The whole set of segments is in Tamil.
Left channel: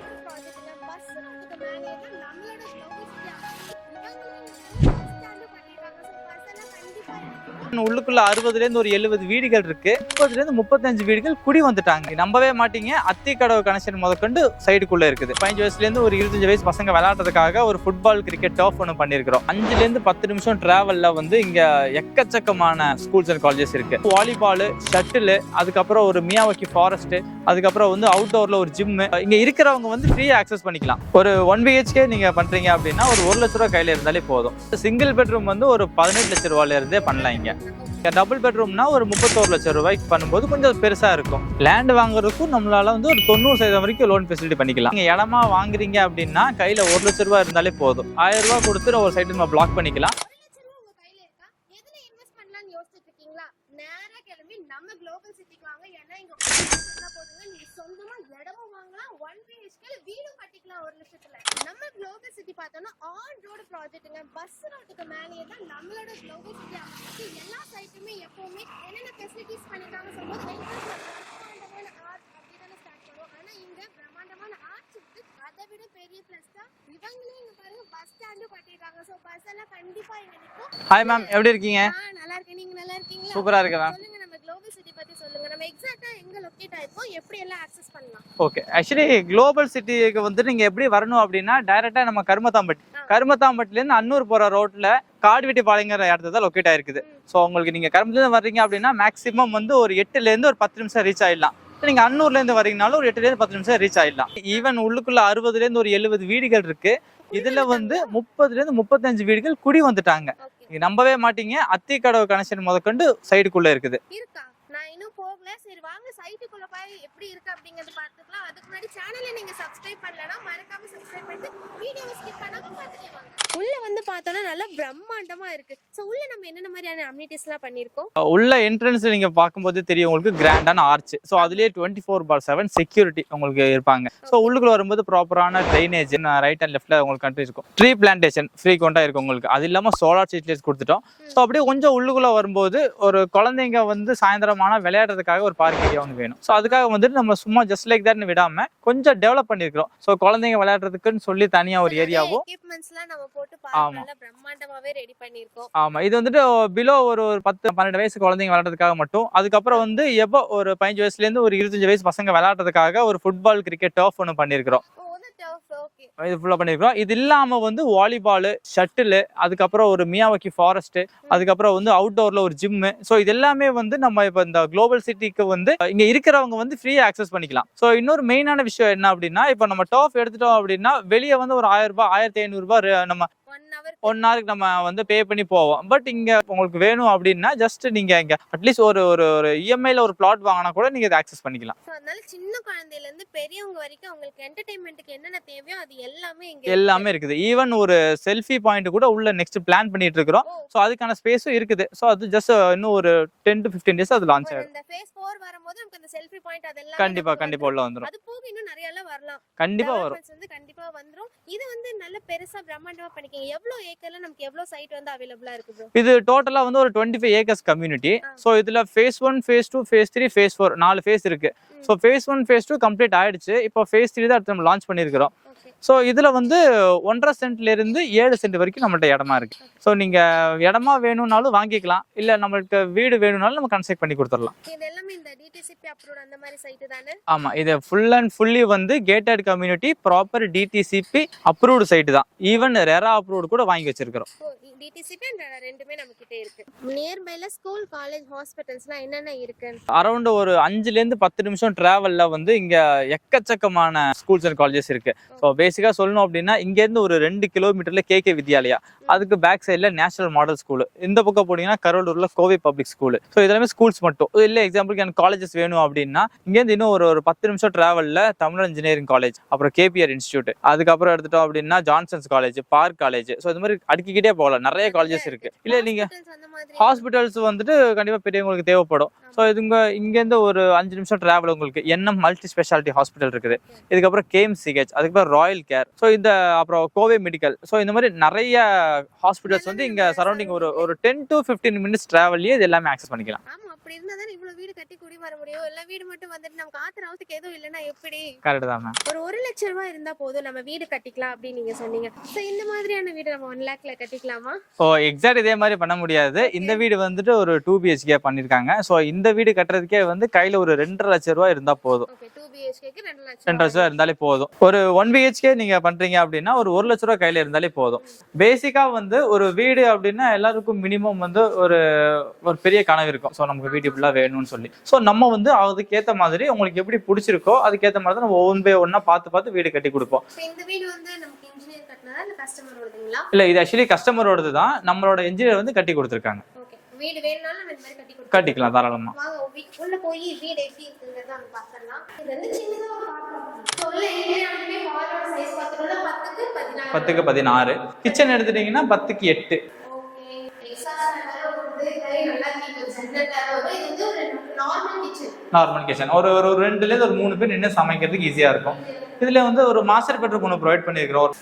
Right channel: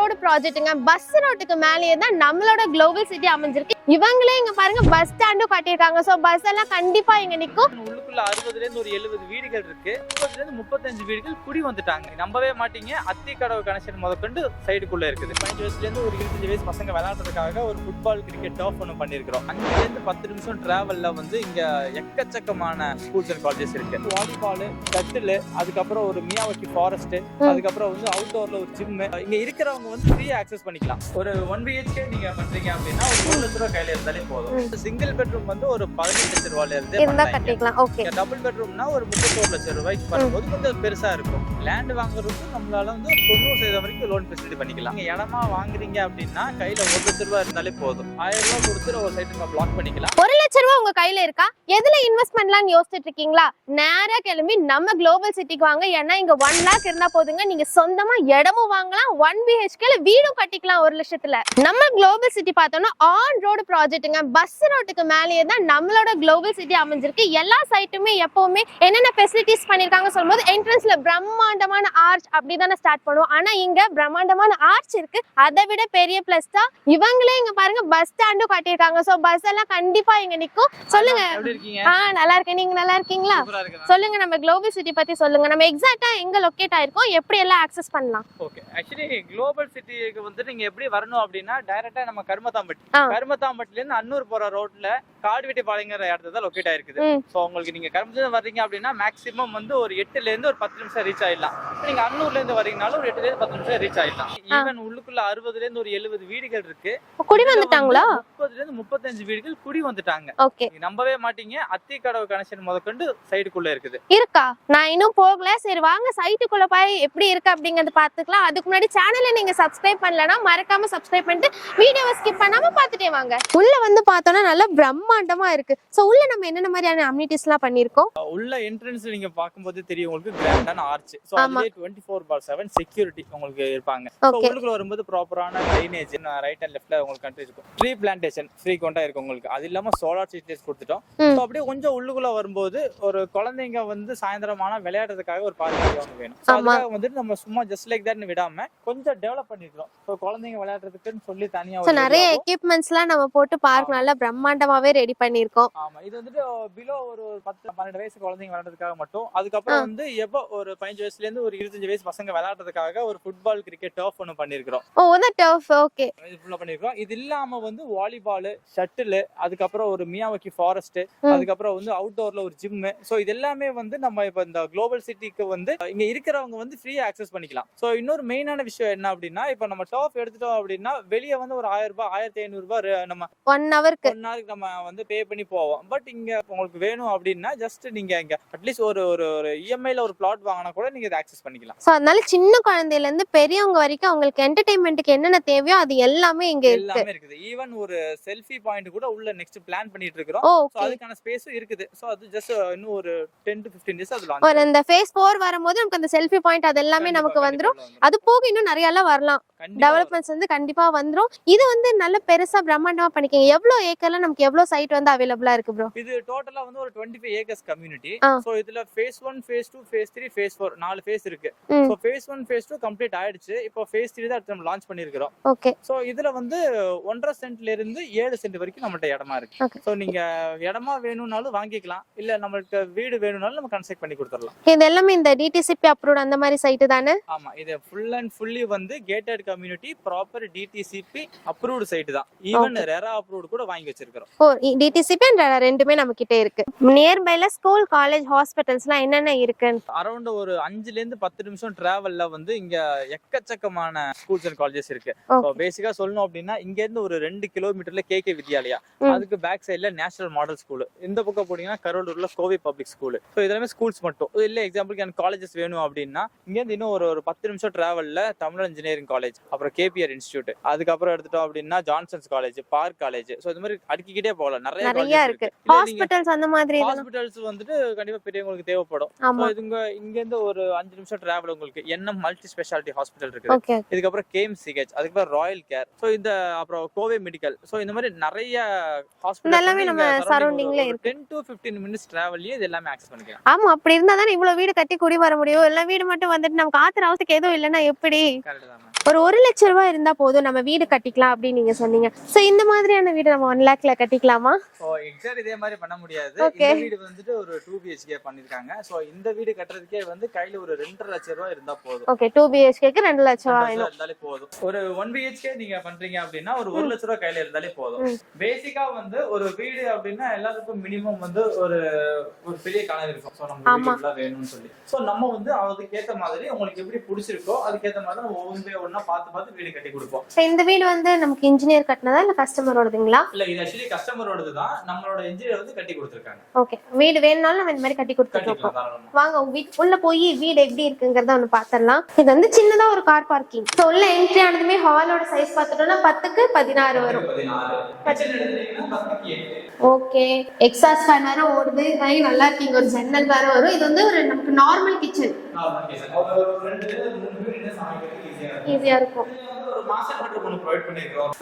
ரோடு ப்ராஜெக்ட்டுங்க. பஸ் ரோட்டுக்கு மேலேயே தான் நம்மளோட குளோபல் சிட்டி அமைஞ்சிருக்கு. இவங்களே இங்க பாருங்க பஸ் ஸ்டாண்டும் கட்டியிருக்காங்க. சோ பஸ் எல்லாம் கண்டிப்பா இங்க நிக்கும். உள்ளுக்குள்ள 60ல இருந்து ஒரு 70 வீடுகள் இருக்கு. 30ல இருந்து 35 வீடுகள் குடி வந்துட்டாங்க. நம்பவே மாட்டீங்க, அத்திக்கடவு கனெக்ஷன் முதற்கொண்டு சைடுக்குள்ள இருக்குது. 15 வயசுல இருந்து ஒரு 25 வயசு பசங்க விளையாடுறதுக்காக ஒரு ஃபுட்பால் கிரிக்கெட் டர்ஃப் ஒன்று பண்ணிருக்கிறோம். 5ல இருந்து 10 நிமிஷம் டிராவல்ல வந்து இங்க எக்கச்சக்கமான ஸ்கூல்ஸ் அண்ட் காலேஜஸ் இருக்கு. வாலிபால், ஷட்டில், அதுக்கப்புறம் ஒரு மியாவாக்கி ஃபாரஸ்ட், அதுக்கப்புறம் வந்து அவுட்டோர்ல ஒரு ஜிம். இங்க இருக்கிறவங்க வந்து ஃப்ரீயா ஆக்சஸ் பண்ணிக்கலாம். ஒரு 1 BHK நீங்க பண்றீங்க அப்படின்னா ஒரு 1 லட்ச ரூபாய் கையில இருந்தாலே போதும். சிங்கிள் பெட்ரூம் வந்து ஒரு 18 லட்சம் ரூபாயில இருந்தே பண்ணலாம். டபுள் பெட்ரூம்னா ஒரு 31 லட்சம் ரூபாய்க்கு பண்ணும்போது கொஞ்சம் பெருசா இருக்கும். லேண்ட் வாங்குறதுக்கும் நம்மளால வந்து ஒரு 90% வரைக்கும் லோன் ஃபெசிலிட்டி பண்ணிக்கலாம். நீங்க இடமா வாங்குறீங்க அப்படின்னா கையில 1 லட்சம் ரூபாய் இருந்தாலே போதும். 1000 ரூபாய் கொடுத்து ஒரு சைட் நம்ம பிளாக் பண்ணிக்கலாம். 1 லட்சம் ரூபாய் உங்க கையில இருக்கா? எதுல இன்வெஸ்ட் பண்ணலாம்னு யோசிச்சுட்டு இருக்கீங்களா? நேரா கிளம்பி நம்ம குளோபல் சிட்டிக்கு வாங்க. ஏன்னா இங்க 1 lakh இருந்தா போதுங்க. நீங்க சொந்தமா இடமும் வாங்கலாம், 1 BHK வீடும் கட்டிக்கலாம் 1 லட்சத்துல. நம்ம குளோபல் சிட்டி பார்த்தோம்னா ஆன் ரோடு ப்ராஜெக்ட்டுங்க. பஸ் ரோட்டுக்கு மேலேயே தான் நம்மளோட குளோபல் சிட்டி அமைஞ்சிருக்கு. எல்லா சைட்டுமே எப்பவுமே என்னென்ன ஃபெசிலிட்டிஸ் பண்ணிருக்காங்க சொல்லும்போது என்ட்ரன்ஸ்ல பிரம்மாண்டமான ஆர்ச் அப்படிதானே ஸ்டார்ட் பண்ணுவோம். ஆனா இங்க பிரம்மாண்டமான ஆர்ச் இருக்கு. அதை விட பெரிய பிளஸ் தான் இவங்களே இங்க பாருங்க பஸ் ஸ்டாண்டும் கட்டியிருக்காங்க. சோ பஸ் எல்லாம் கண்டிப்பா இங்க நிக்கும். சொல்லுங்க, எப்படி இருக்கீங்க? நல்லா இருக்கேன். நீங்க நல்லா இருக்கீங்களா? சூப்பரா இருக்கேன். சொல்லுங்க, நம்ம குளோபல் சிட்டி பத்தி சொல்லுங்க. நம்ம எக்ஸாக்ட்டா எங்க லொகேட் ஆயிருக்கோம், எப்படி எல்லாம் ஆக்சஸ் பண்ணலாம்? ஓகே, ஆக்சுவலி குளோபல் சிட்டிக்கு வந்து நீங்க எப்படி வரணும் அப்படின்னா டைரக்டா நம்ம கருமத்தாம்பட்டில இருந்து அன்னூர் போற ரோட்ல காடுவெட்டி பாளையங்கிற இடத்துல தான் லொகேட் ஆயிருக்குது. சோ உங்களுக்கு நீங்க கருமத்துல இருந்து வர்றீங்க அப்படின்னா மேக்ஸிமம் வந்து ஒரு 8ல இருந்து ஒரு 10 நிமிஷம் ரீச் ஆயிடலாம். நீங்க அன்னூர்ல இருந்து வரீங்கனாலும் ஒரு 8ல இருந்து 10 நிமிஷம் ரீச் ஆயிடலாம். ஈவன் உள்ளுக்குள்ள 60ல இருந்து ஒரு 70 வீடுகள் இருக்கு. குடி வந்துட்டாங்களா? 30ல இருந்து 35 வீடுகள் குடி வந்துட்டாங்க. நீங்க நம்பவே மாட்டீங்க, அத்திக்கடவு கனெக்ஷன் முதற்கொண்டு சைடுக்குள்ள இருக்குது. இருக்கா? நான் இன்னும் போகல. சரி வாங்க சைட்டுக்குள்ள போய் எப்படி இருக்கு அப்படிங்கறத பாத்துக்கலாம். அதுக்கு முன்னாடி சேனலை நீங்க சப்ஸ்கிரைப் பண்ணலனா மறக்காம சப்ஸ்கிரைப் பண்ணிட்டு வீடியோவை ஸ்கிப் பண்ணாம பாத்துட்டே வாங்க. உள்ள வந்து பார்த்தோம்னா நல்ல பிரம்மாண்டமா இருக்கு. சோ உள்ள நம்ம என்னென்ன மாதிரியான அம்யூனிட்டிஸ் எல்லாம் பண்ணிருக்கோம்? உள்ள என்ட்ரன்ஸ் நீங்க பாக்கும்போது தெரியும் உங்களுக்கு கிராண்டான ஆர்ச். சோ அதுலயே 24/7 செக்யூரிட்டி உங்களுக்கு இருப்பாங்க. சோ உள்ளுக்குள்ள வரும்போது ப்ராப்பரான ட்ரைனேஜ் ரைட் அண்ட் லெஃப்ட்ல உங்களுக்கு கண்ட்ரி இருக்கும். ட்ரீ பிளான்டேஷன் ஃப்ரீக்வெண்டா இருக்கும் உங்களுக்கு. அது இல்லாம சோலார் ஸ்ட்ரீட் லைட்ஸ் கொடுத்துட்டோம். சோ அப்படியே கொஞ்சம் உள்ளுக்குள்ள வரும்போது ஒரு குழந்தைங்க வந்து சாயந்தரமான விளையாடுறதுக்காக ஒரு பார்க் ஏரியா ஒன்று வேணும். சோ அதுக்காக வந்து நம்ம சும்மா ஜஸ்ட் லைக் தட்னு விடாம கொஞ்சம் டெவலப் பண்ணிருக்கோம். சோ குழந்தைங்க விளையாடுறதுக்குன்னு சொல்லி தனியா ஒரு நிறைய எக்யூப்மெண்ட்ஸ்லாம் நம்ம போட்டு பார்க் நல்லா பிரம்மாண்டமாவே ரெடி பண்ணிருக்கோம். ஆமா, இது வந்துட்டு பிலோ ஒரு 10-12 வயசு குழந்தைங்க விளையாடுறதுக்காக மட்டும். அதுக்கப்புறம் வந்து எப்போ ஒரு 15 வயசுல இருந்து ஒரு 25 வயசு பசங்க விளையாடுறதுக்காக ஒரு ஃபுட்பால் கிரிக்கெட் டர்ஃப் ஒன்று பண்ணிருக்கிறோம். இது ஃபுல்லா பண்ணிருக்கோம். இது இல்லாம வந்து வாலிபால், ஷட்டில், அதுக்கப்புறம் ஒரு மியாவாக்கி ஃபாரஸ்ட், அதுக்கப்புறம் வந்து அவுட்டோர்ல ஒரு ஜிம். சோ இது எல்லாமே வந்து நம்ம இப்ப இந்த குளோபல் சிட்டிக்கு வந்து இங்க இருக்கிறவங்க வந்து ஃப்ரீயா ஆக்சஸ் பண்ணிக்கலாம். சோ இன்னொரு மெயினான விஷயம் என்ன அப்படின்னா, இப்ப நம்ம டர்ஃப் எடுத்துட்டோம் அப்படின்னா வெளியே வந்து ஒரு 1000 ரூபாய் 1500 ரூபாய் நம்ம 1 ஹவருக்கு நம்ம வந்து பே பண்ணி போவோம். பட் இங்க உங்களுக்கு வேணும் அப்படின்னா ஜஸ்ட் நீங்க இங்க அட்லீஸ்ட் ஒரு EMI-ல ஒரு பிளாட் வாங்கினா கூட நீங்க இதை ஆக்சஸ் பண்ணிக்கலாம். சோ அதனால சின்ன குழந்தையில இருந்து பெரியவங்க வரைக்கும் அவங்களுக்கு என்டர்டெயின்மென்ட்க்கு என்னென்ன தேவையோ அது எல்லாமே இங்க இருக்குது. ஈவன் ஒரு செல்ஃபி பாயிண்ட் கூட உள்ள நெக்ஸ்ட் பிளான் பண்ணிட்டு இருக்கோம். சோ அதுக்கான ஸ்பேஸும் இருக்குது. சோ அது ஜஸ்ட் இன்னும் ஒரு 10 to 15 டேஸ் அது லான்ச் ஆகும். இந்த ஃபேஸ் 4 வரும்போது நமக்கு அந்த செல்ஃபி பாயிண்ட் அதெல்லாம் நமக்கு வந்துரும். அது போக இன்னும் நிறைய எல்லாம் வரலாம். டெவலப்மென்ட்ஸ் வந்து கண்டிப்பா வந்துரும். இது வந்து நல்ல பெருசா பிரம்மாண்டமா பண்ணிக்கங்க. எவ்வளவு ஏக்கர்ல நமக்கு எவ்வளவு சைட் வந்து அவேலபிளா இருக்கு ப்ரோ? இது டோட்டலா வந்து ஒரு 25 ஏக்கர்ஸ் கம்யூனிட்டி. சோ இதுல phase 1, phase 2, phase 3, phase 4 4 phase இருக்கு. சோ ஃபேஸ் 1, ஃபேஸ் 2 கம்ப்ளீட் ஆயிடுச்சு. இப்போ ஃபேஸ் 3 தான் அடுத்து நம்ம லான்ச் பண்ணிருக்கோம். ஓகே. சோ இதுல வந்து 1.5 சென்ட்ல இருந்து 7 சென்ட் வரைக்கும் நம்மள்ட்ட இடமா இருக்கு. சோ நீங்க இடமா வேணும்னாலும் வாங்கிக்கலாம், இல்ல நம்மளுக்கு வீடு வேணும்னாலும் நம்ம கன்ஸ்ட்ரக்ட் பண்ணி கொடுத்துடலாம். இது எல்லாமே இந்த DTCP அப்ரூவ்ட் அந்த மாதிரி சைட் தானே? ஆமா, இது ஃபுல் அண்ட் ஃபுல்லி வந்து gated community proper DTCP approved site தான். ஈவன் ரெரா அப்ரூவ்ட் கூட வாங்கி வச்சிருக்கோம். DTCP and ரெரா ரெண்டுமே நம்ம கிட்ட இருக்கு. நியர்பைல ஸ்கூல், காலேஜ், ஹாஸ்பிடல்ஸ்லாம் என்னென்ன இருக்கு? அரௌண்ட் ஒரு 5ல இருந்து 10 நிமிஷம் டிராவல்ல வந்து இங்க எக்கச்சக்கமான ஸ்கூல்ஸ் அண்ட் காலேஜஸ் இருக்கு. பேசிக்கா சொல்லணும் அப்படின்னா இங்க இருந்து ஒரு 2 கிலோமீட்டர்ல KK வித்யாலயா, அதுக்கு பேக் சைட்ல நேஷனல் மாடல் ஸ்கூல், இந்த பக்கம் போனீங்கன்னா கரூர்ல கோவை பப்ளிக் ஸ்கூல். சோ இதெல்லாமே ஸ்கூல்ஸ் மட்டும் இல்ல. எக்ஸாம்பிளுக்கு எனக்கு காலேஜஸ் வேணும் அப்படின்னா இங்க இருந்து இன்னும் ஒரு 10 நிமிஷம் டிராவல்ல தமிழ் இன்ஜினியரிங் காலேஜ், அப்புறம் KPR இன்ஸ்டியூட், அதுக்கப்புறம் எடுத்துட்டோம் அப்படின்னா Johnson's college, park college. So இந்த மாதிரி அடுக்கிக்கிட்டே போகலாம். நிறைய காலேஜஸ் இருக்கு. இல்ல நீங்க ஹாஸ்பிடல்ஸ் அந்த மாதிரி ஹாஸ்பிடல்ஸ் வந்துட்டு கண்டிப்பா பெரியவங்களுக்கு தேவைப்படும். சோ இங்க இருந்து ஒரு 5 நிமிஷம் டிராவல் உங்களுக்கு என்எம் மல்டி ஸ்பெஷாலிட்டி ஹாஸ்பிடல் இருக்குது. இதுக்கப்புறம் கேஎம்சிஹெச், அதுக்கப்புறம் ராயல் கேர், சோ இந்த அப்புறம் கோவை மெடிக்கல், சோ இந்த மாதிரி நிறைய ஹாஸ்பிடல்ஸ் வந்து இங்க சரௌண்டிங் ஒரு 10 to 15 மினிட்ஸ் டிராவல்லயே இது எல்லாமே ஆக்சஸ் பண்ணிக்கலாம். ஆமா, அப்படி இருந்தா தான் இவ்வளவு வீடு கட்டி குடி வர முடியும். எல்லா வீடு மட்டும் வந்துட்டு நமக்கு ஆத்திர அவசத்துக்கு எதுவும் இல்லைன்னா எப்படி? கரெக்ட் தான். ஒரு 1 லட்சம் ரூபாய் இருந்தா போதும் நம்ம வீடு கட்டிக்கலாம் அப்படின்னு நீங்க சொன்னீங்க. சோ இந்த மாதிரியான வீடு நம்ம 1 lakhல கட்டிக்கலாமா? ஓ எக்ஸாக்ட் இதே மாதிரி பண்ண முடியாது. இந்த வீடு வந்துட்டு ஒரு 2 BHK பண்ணிருக்காங்க. சோ இந்த வீடு கட்டுறதுக்கே வந்து கையில ஒரு 2.5 லட்சம் ரூபாய் இருந்தா போதும். ஓகே, 2 BHKக்கு 2 லட்சம் இருந்தாலே போதும். ஒரு 1 BHK நீங்க பண்றீங்க அப்படின்னா ஒரு 1 லட்சம் ரூபாய் கையில இருந்தாலே போதும். பேசிக்கா வந்து ஒரு வீடு அப்படின்னா எல்லாருக்கும் மினிமம் வந்து ஒரு பெரிய கனவு இருக்கும். சோ நமக்கு வீடு ஃபுல்லா வேணும்னு சொல்லி. சோ நம்ம வந்து அதுக்கேத்த மாதிரி உங்களுக்கு எப்படி பிடிச்சிருக்கோ அதுக்கேத்த மாதிரி தான் நம்ம ஒன் பை ஒன்னா பார்த்து வீடு கட்டி கொடுப்போம். இந்த வீடு வந்து நமக்கு இன்ஜினியர் கட்டினதா இல்ல கஸ்டமரோடதுங்களா? இல்ல, இது ஆக்சுவலி கஸ்டமரோடது தான். நம்மளோட இன்ஜினியர் வந்து கட்டி கொடுத்திருக்காங்க. ஓகே, வீடு வேணும்னாலும் நம்ம இந்த மாதிரி கட்டிக்கலாம் தாராளமா. வாங்க உள்ள போய் வீடு எப்படி இருக்குங்கறத ஒன்னு பாத்துறலாம். இது வந்து சின்னதா ஒரு கார் பார்க்கிங். சோ உள்ள என்ட்ரி ஆனதுமே ஹாலோட சைஸ் பார்த்துட்டோம்னா 10க்கு 16. கிச்சன் எடுத்துட்டீங்கன்னா 10க்கு 8. ஓகே, எக்ஸாஸ்ட் ஃபேன் வேற ஓடுது. நல்லா இருக்கு. ஒரு ஜன்னல் வேற வரும். இது வந்து ஒரு நமக்கு நார்மல் கிச்சன். ஒரு 2ல இருந்து ஒரு 3 பேர் நின்னு சமைக்கிறதுக்கு ஈஸியா இருக்கும். இதுல வந்து ஒரு மாஸ்டர் பெட்ரூம் ஒன்னு ப்ரொவைட் பண்ணிருக்கோம்.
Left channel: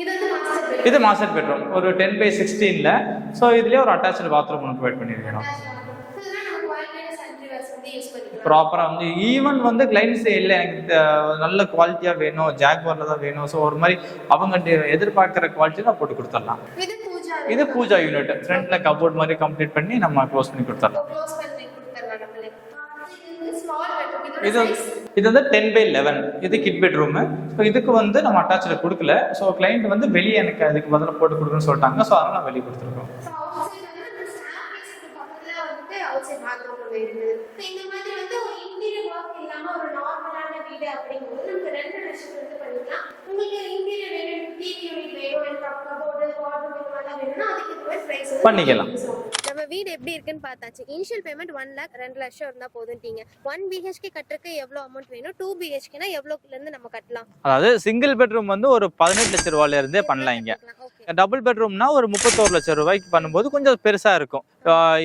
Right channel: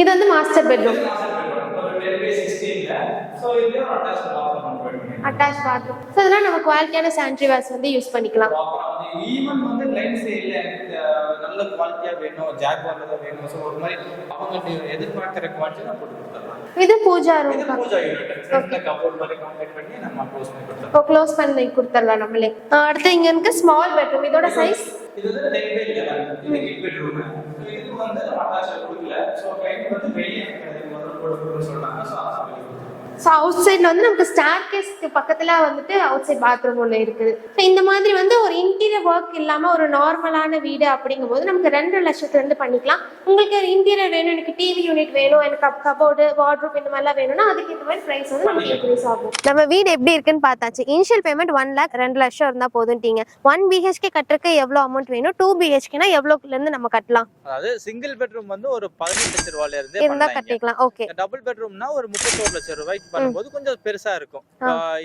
இது வந்து மாஸ்டர் பெட்ரூம். இது மாஸ்டர் பெட்ரூம் ஒரு 10/16ல. சோ இதுலயே ஒரு அட்டாச்ட் பாத்ரூம் ஒன்னு ப்ரொவைட் பண்ணிருக்கோம். Attached bathroom. சோ இதெல்லாம் நம்ம குவாலிட்டியான சானிட்டரி வேர்ஸ் வந்து யூஸ் பண்ணிக்கலாம். ப்ராப்பரா வந்து ஈவன் வந்து கிளைண்ட்ஸ் இல்ல எனக்கு நல்ல குவாலிட்டியா வேணும், ஜாக்வார்ல தான் வேணும். சோ ஒரு மாதிரி அவங்க எதிர்பார்க்கிற குவாலிட்டில போட்டு கொடுத்துடலாம். இது பூஜா ரூம். இது பூஜா யூனிட். ஃப்ரண்ட்ல கபோர்ட் மாதிரி கம்ப்ளீட் பண்ணி நம்ம க்ளோஸ் பண்ணி கொடுத்துறோம். க்ளோஸ் பண்ணி கொடுத்துறலாம் நம்மளே. அடுத்து இங்க இருக்க ஸ்மால் பெட்ரூம். இதோட சைஸ் இது வந்து 10/11. இது கிட் பெட்ரூம். சோ இதுக்கு வந்து நம்ம அட்டாச்ட் கொடுக்கல. சோ கிளையன்ட் வந்து வெளியே எனக்கு அதுக்கு பதிலா போட்டு கொடுக்கணும்னு சொல்லிட்டாங்க. சோ அதனால வெளியே கொடுத்துருக்கோம். சோ அவுட் சைடுல வந்து நமக்கு ஸ்டேர்கேஸ்க்கு பக்கத்துல வந்துட்டு அவுட் சைடு பாத்ரூம் ஒன்னு இருக்குது. இந்த மாதிரி வந்து ஒரு இன்டீரியர் வொர்க் இல்லாம ஒரு நார்மலான வீடு அப்படிங்கும்போது நமக்கு 2 லட்சத்துல இருந்து பண்ணிக்கலாம். உங்களுக்கு இன்டீரியர் வேணும், எனக்கு டிவி யூனிட் வேணும், எனக்கு கபோர்டு வார்ட்ரோப் இந்த மாதிரிலாம் வேணும்னா அதுக்கு இந்த மாதிரி பிரைஸ் வந்து பண்ணிக்கலாம். நம்ம வீடு எப்படி இருக்குன்னு பார்த்தாச்சு. இனிஷியல் பேமெண்ட் 1 lakh 2 லட்சம் இருந்தா போதும்ட்டீங்க. 1 BHK கட்டுறதுக்கு எவ்வளவு அமௌண்ட் வேணும்? 2 BHKனா எவ்வளவுல இருந்து நம்ம கட்டலாம்? அதாவது சிங்கிள் பெட்ரூம் வந்து ஒரு 18 லட்சம் ரூபாயில இருந்தே பண்ணலாம். ஓகே, டபுள் பெட்ரூம்னா ஒரு 31 லட்சம் ரூபாய்க்கு பண்ணும்போது கொஞ்சம் பெருசா இருக்கும்.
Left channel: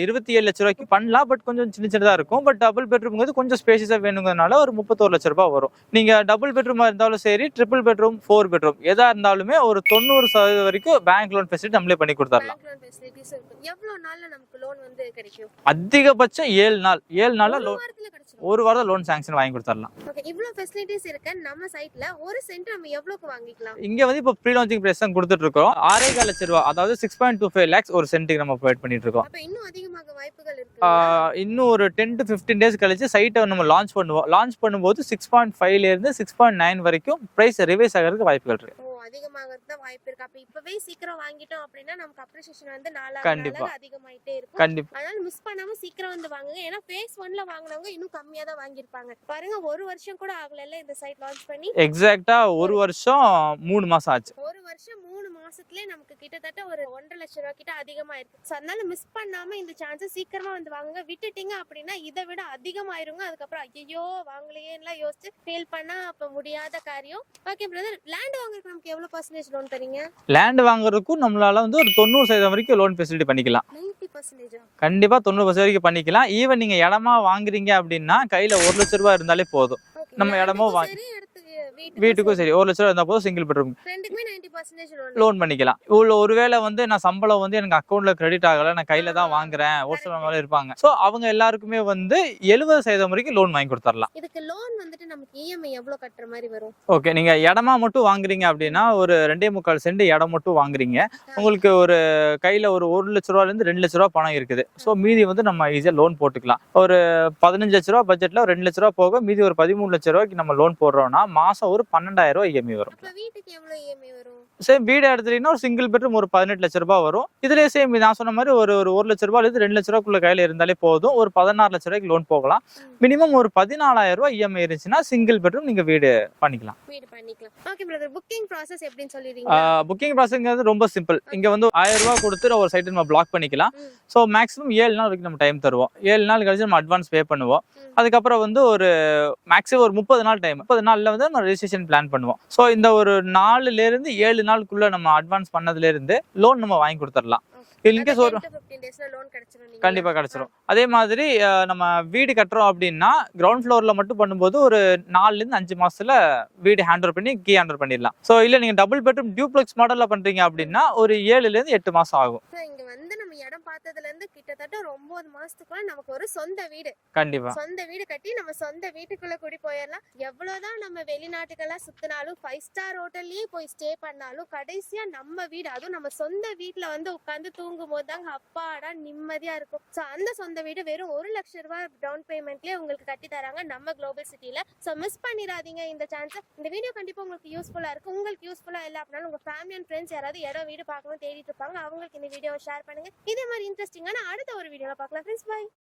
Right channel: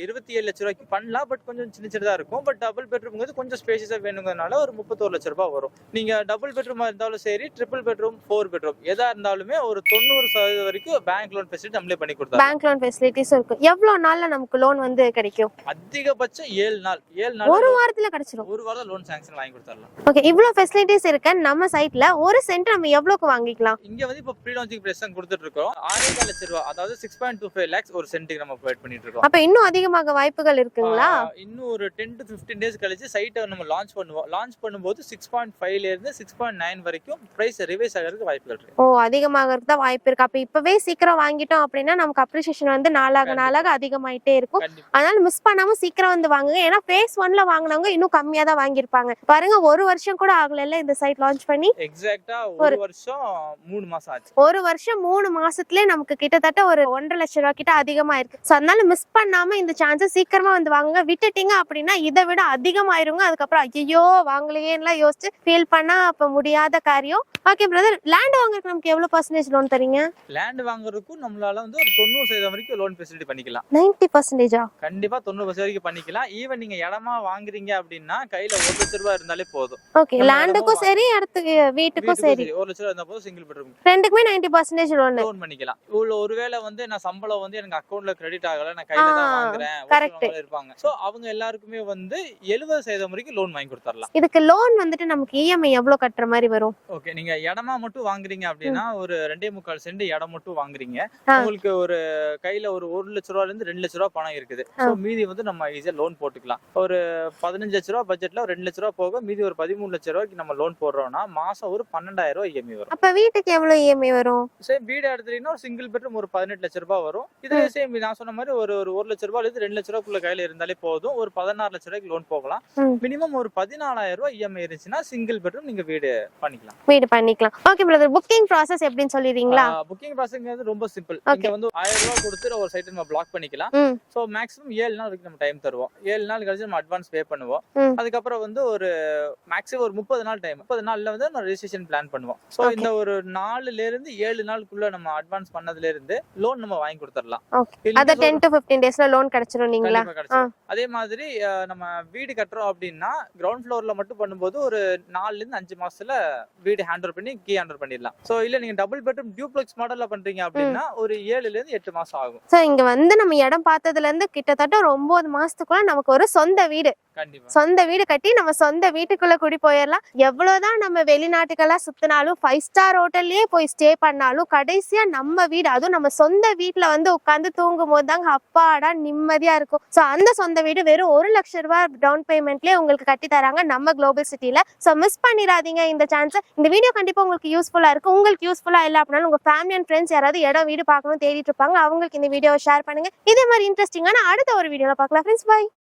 27 லட்சம் ரூபாய்க்கு பண்ணலாம். பட் கொஞ்சம் சின்னதா இருக்கும். பட் டபுள் பெட்ரூம்ங்கிறது கொஞ்சம் ஸ்பேஷியஸா வேணுங்கிறதுனால ஒரு 31 லட்சம் ரூபாய் வரும். நீங்க டபுள் பெட்ரூமா இருந்தாலும் சரி, ட்ரிபிள் பெட்ரூம், 4 பெட்ரூம் எதா இருந்தாலுமே ஒரு 90% வரைக்கும் பேங்க் லோன் ஃபெசிலிட்டி நம்மளே பண்ணி கொடுத்தாங்க. பேங்க் லோன் ஃபெசிலிட்டிஸ் இருக்கு. எவ்வளவு நாள்ல நமக்கு லோன் வந்து கிடைக்கும்? அதிகபட்சம் 7 நாள். ஒரு வாரத்துல கிடைச்சிரும். ஒரு வாரத்துல லோன் சாங்க்ஷன் வாங்கி கொடுத்துறலாம். ஓகே, இவ்ளோ ஃபெசிலிட்டிஸ் இருக்கு நம்ம சைட்ல. ஒரு சென்ட் நம்ம எவ்வளவுக்கு வாங்கிக்கலாம்? இங்க வந்து இப்ப ப்ரீ லான்ச்சிங் பிரைஸ் தான் கொடுத்துட்டு இருக்கோம். 6.5 லட்சம் ரூபாய், அதாவது 6.25 lakhs ஒரு சென்ட்டுக்கு நம்ம ப்ரொவைட் பண்ணிட்டு இருக்கோம். அப்ப இன்னும் அதிகமாக வாய்ப்புகள் இருக்குங்களா? இன்னும் ஒரு 10 to 15 டேஸ் கழிச்சு சைட்டை நம்ம லான்ச் பண்ணுவோம். லான்ச் பண்ணும்போது 6.5ல இருந்து 6.9 வரைக்கும் பிரைஸ் ரிவைஸ் ஆகிறதுக்கு வாய்ப்புகள் இருக்கு. ஓ, அதிகமாகிறதுக்கு தான் வாய்ப்பு இருக்கு. அப்ப இப்பவே சீக்கிரம் வாங்கிட்டோம் அப்படின்னா நமக்கு அப்ரிசியேஷன் வந்து நாளாக அதிகமாயிட்டே இருக்கும். அதனால மிஸ் பண்ணாம சீக்கிரம் வந்து வாங்குங்க. ஏன்னா phase 1ல வாங்குனவங்க இன்னும் கம்மியா தான் வாங்கியிருப்பாங்க. பாருங்க, 1 வருஷம் கூட ஆகல இந்த சைட் லான்ச் பண்ணி. எக்ஸாக்ட்டா 1 வருஷம் 3 மாசம் ஆச்சு. 1 வருஷம் 3 மாசத்துலயே நமக்கு கிட்டத்தட்ட ஒரு 1.5 லட்சம் ரூபாய் கிட்ட அதிகமா இருக்கு. சோ அதனால மிஸ் பண்ணாம இந்த சான்ஸ் சீக்கிரமா வந்து வாங்குங்க. விட்டுட்டீங்க அப்படின்னா இதை விட அதிகமாயிருங்க. அதுக்கப்புறம் ஐயோ வாங்கலையேன்னு யோசிச்சு ஃபீல் பண்ணா அப்ப முடியாத காரியம். ஓகே பிரதர், லேண்ட் வாங்குறதுக்கு நமக்கு எவ்வளவு % லோன் தரீங்க? லேண்ட் வாங்குறதுக்கும் நம்மளால வந்து ஒரு 90% வரைக்கும் லோன் ஃபெசிலிட்டி பண்ணிக்கலாம். 90%? கண்டிப்பா 90% வரைக்கும் பண்ணிக்கலாம். ஈவன் நீங்க இடமா வாங்குறீங்க அப்படின்னா கையில 1 லட்சம் ரூபாய் இருந்தாலே போதும். ஓகே, லேண்டுக்கும் சரி இடத்துக்கு வீட்டுக்கும் சரி 1 லட்சம் ரூபாய் இருந்தா போதும். சிங்கிள் பெட்ரூம் ரெண்டுக்குமே 90% லோன் பண்ணிக்கலாம். ஒருவேளை வந்து நான் சம்பளம் வந்து எனக்கு அக்கவுண்ட்ல கிரெடிட் ஆகல, நான் கையில தான் வாங்குறேன் இருப்பாங்க. சோ அவங்க எல்லாருக்குமே வந்து 70% வரைக்கும் லோன் வாங்கி கொடுத்துறலாம். இதுக்கு லோன் வந்துட்டு நமக்கு இஎம்ஐ எவ்வளவு கட்டுற மாதிரி வரும்? ஓகே, நீங்க இடமா மட்டும் வாங்குறீங்க அப்படின்னா ஒரு 2.25 சென்ட் இடம் மட்டும் வாங்குறீங்க. உங்களுக்கு ஒரு கையில ஒரு 1 லட்சம் ரூபாயில இருந்து 2 லட்சம் ரூபாய் பணம் இருக்குது. சோ மீதி வந்து நம்ம ஈஸியா லோன் போட்டுக்கலாம். ஒரு 15 லட்சம் ரூபாய் பட்ஜெட்ல 2 லட்சம் ரூபாய் போக மீதி ஒரு 13 லட்சம் ரூபாய்க்கு நம்ம லோன் போடுறோம்னா மாசம் ஒரு 12,000 ரூபாய் இஎம்ஐ வரும். அப்ப வீட்டுக்கு எவ்வளவு இஎம்ஐ வரும்? சரி, வீடு எடுத்துட்டீங்கன்னா ஒரு சிங்கிள் பெட்ரூம் ஒரு 18 லட்சம் ரூபாய் வரும். இதுல இதுலயே சேம் நான் சொன்ன மாதிரி ஒரு ஒரு 1 லட்ச ரூபாயில இருந்து 2 லட்ச ரூபாய்க்குள்ள கையில இருந்தாலே போதும். ஒரு 16 லட்ச ரூபாய்க்கு லோன் போகலாம். மினிமம் ஒரு 14,000 ரூபாய் இஎம்ஐ இருந்துச்சுன்னா சிங்கிள் பெட்ரூம் நீங்க வீடு பண்ணிக்கலாம். ஓகே பிரதர், புக்கிங் ப்ராசஸ் எப்படின்னு சொல்லிடுறீங்களா? புக்கிங் ப்ராசஸ்ங்கிறது ரொம்ப சிம்பிள். இங்க வந்து 1000 ரூபாய் கொடுத்து ஒரு சைட் நம்ம பிளாக் பண்ணிக்கலாம். சோ மேக்ஸிமம் 7 நாள் வரைக்கும் நம்ம டைம் தருவோம். 7 நாள் கழிச்சு நம்ம அட்வான்ஸ் பே பண்ணுவோம். அதுக்கப்புறம் வந்து ஒரு மேக்ஸிமம் ஒரு 30 நாள் டைம். 30 நாள்ல வந்து நம்ம ரெஜிஸ்ட்ரேஷன் பிளான் பண்ணுவோம். சோ இந்த ஒரு 4ல இருந்து 7 நாளுக்குள்ள நம்ம அட்வான்ஸ் பண்ணதுல இருந்து லோன் நம்ம வாங்கி கொடுத்துடலாம். அது 10 to 15 டேஸ்ல லோன் கிடைச்சிரும். நீங்க கண்டிப்பா கிடைச்சிரும். அதே மாதிரி நம்ம வீடு கட்டுறோம் அப்படின்னா கிரவுண்ட் ஃப்ளோர்ல மட்டும் பண்ணும்போது ஒரு 4ல இருந்து 5 மாசத்துல வீடு ஹேண்ட் ஓவர் பண்ணி கீ ஹேண்ட் ஓவர் பண்ணிடலாம். சோ இல்ல நீங்க டபுள் பெட்ரூம் டியூப்ளெக்ஸ் மாடல்ல பண்றீங்க அப்படின்னா ஒரு 7ல இருந்து 8 மாசம் ஆகும். சோ இங்க வந்து நம்ம இடம் பார்த்ததுல இருந்து கிட்டத்தட்ட ஒரு 9 மாசத்துக்குள்ள நமக்கு ஒரு சொந்த வீடு, கண்டிப்பா சொந்த வீடு கட்டி நம்ம சொந்த வீட்டுக்குள்ள குடி போயிடலாம். எவ்வளவுதான் நம்ம வெளிநாட்டுக்கெல்லாம் சுத்தினாலும் 5 ஸ்டார் ஹோட்டல்லயே போய் ஸ்டே பண்ணாலும் கடைசியா நம்ம வீடு, அதுவும் நம்ம சொந்த வீட்டுல வந்து உட்கார்ந்து தூங்கும் போது தாங்க அப்பாடா நிம்மதியா இருக்கும். சோ அந்த சொந்த வீடு வெறும் 1 லட்சம் ரூபாய் டவுன் பேமெண்ட்லயே உங்களுக்கு கட்டி தராங்க நம்ம குளோபல் சிட்டில. சோ மிஸ் பண்ணிடாதீங்க இந்த சான்ஸ். இந்த வீடியோ கண்டிப்பா உங்களுக்கு யூஸ்ஃபுல்லா இருக்கும். உங்களுக்கு யூஸ்ஃபுல்லா இல்ல அப்படின்னாலும் உங்க ஃபேமிலி அண்ட் ஃப்ரெண்ட்ஸ் யாராவது இடம் வீடு பார்க்கணும் தேடிட்டு இருப்பாங்க, அவங்களுக்கு இந்த வீடியோவை ஷேர் பண்ணுங்க. இதே மாதிரி இன்ட்ரெஸ்டிங்கான அடுத்த ஒரு வீடியோல பார்க்கலாம் ஃப்ரெண்ட்ஸ். பை.